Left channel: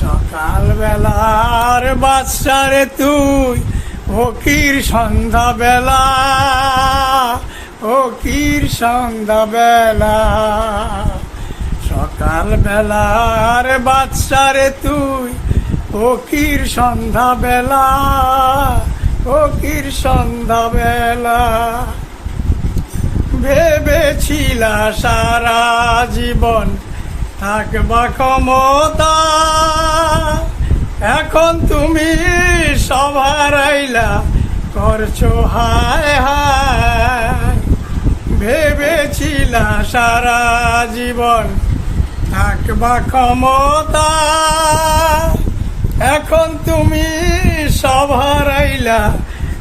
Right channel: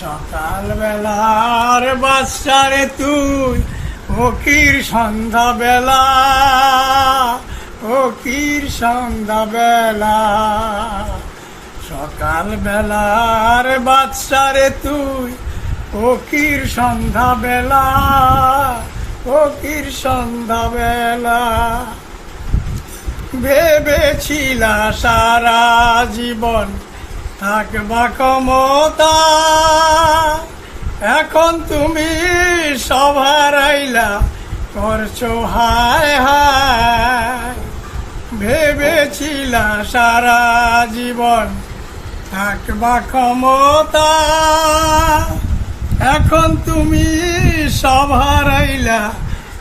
সকাল বেলার বাচ্চারে তুই ফকির সন্ধ্যা বেলা, ফকির সন্ধ্যা বেলা। সকাল বেলার বাচ্চারে তুই ফকির সন্ধ্যা বেলা, ফকির সন্ধ্যা বেলা। ভেবেছিলা সারা জীবন থাকবা ক্ষমতা, এখন তুমি সব হারাইলা করছো হায় হায়। ভেবেছিলা সারা জীবন থাকবা ক্ষমতা, এখন তুমি সব হারাইলা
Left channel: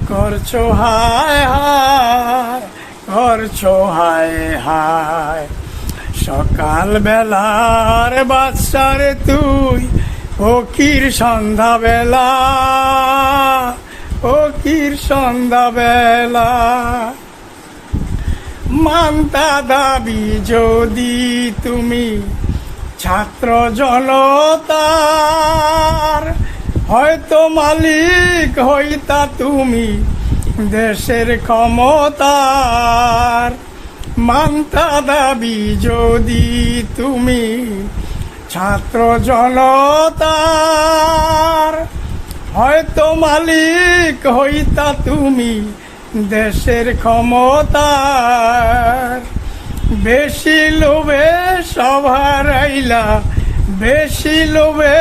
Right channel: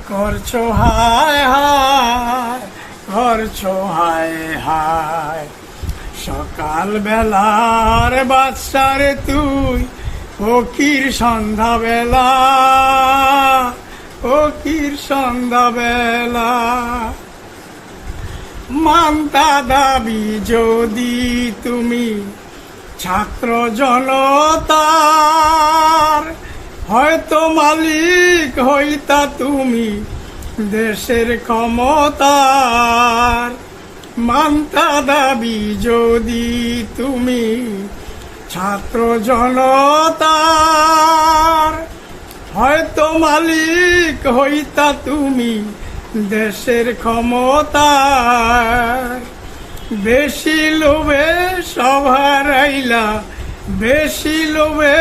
করছো হায় হায়, করছো হায় হায়। সকাল বেলার বাচ্চারে তুই ফকির সন্ধ্যা বেলা, ফকির সন্ধ্যা বেলা। মানতা দাবি যদি তুমি ছাত্র জনতার, হয়তো মালিক হইতা তুমি দেশের ক্ষমতার। মানতা দাবি যদি তুমি ছাত্র জনতার, হয়তো মালিক হইতা তুমি দেশের ক্ষমতার। বেশি লোভে সব হারাইলা, বেশি লোভে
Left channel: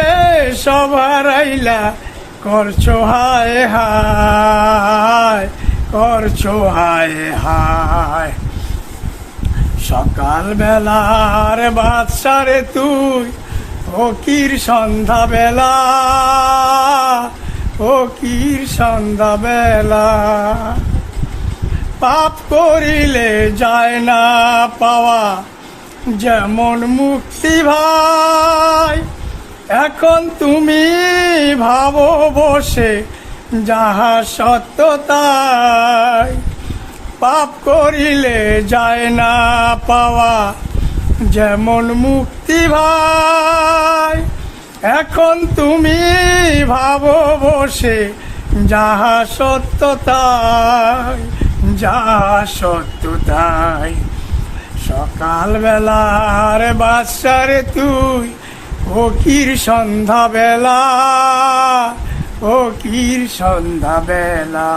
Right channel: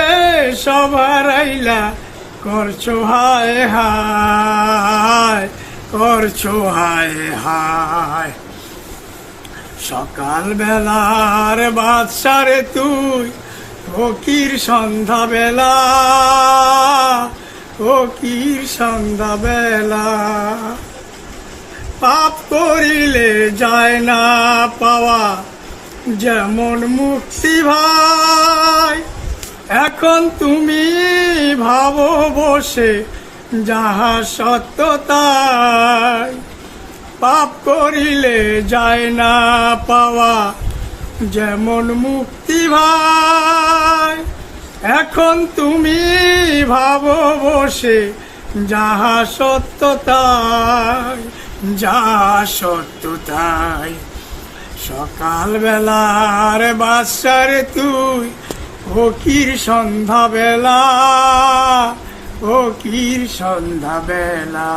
সব হারাইলা করছো হায় হায়, করছো হায় হায়। সকাল বেলার বাচ্চারে তুই ফকির সন্ধ্যা বেলা, ফকির সন্ধ্যা বেলা। পাপ করিলে যায় না পাওয়া যেমন মুক্তি ভাই, এখন তুমি ভাবো বসে যাহা সত্য তাই। পাপ করিলে যায় না পাওয়া যেমন মুক্তি ভাই, এখন তুমি ভাবো বসে যাহা সত্য তাই, যাহা সত্য তাই। সকাল বেলার বাচ্চারে তুই ফকির সন্ধ্যা বেলা, ফকির সন্ধ্যা বেলা।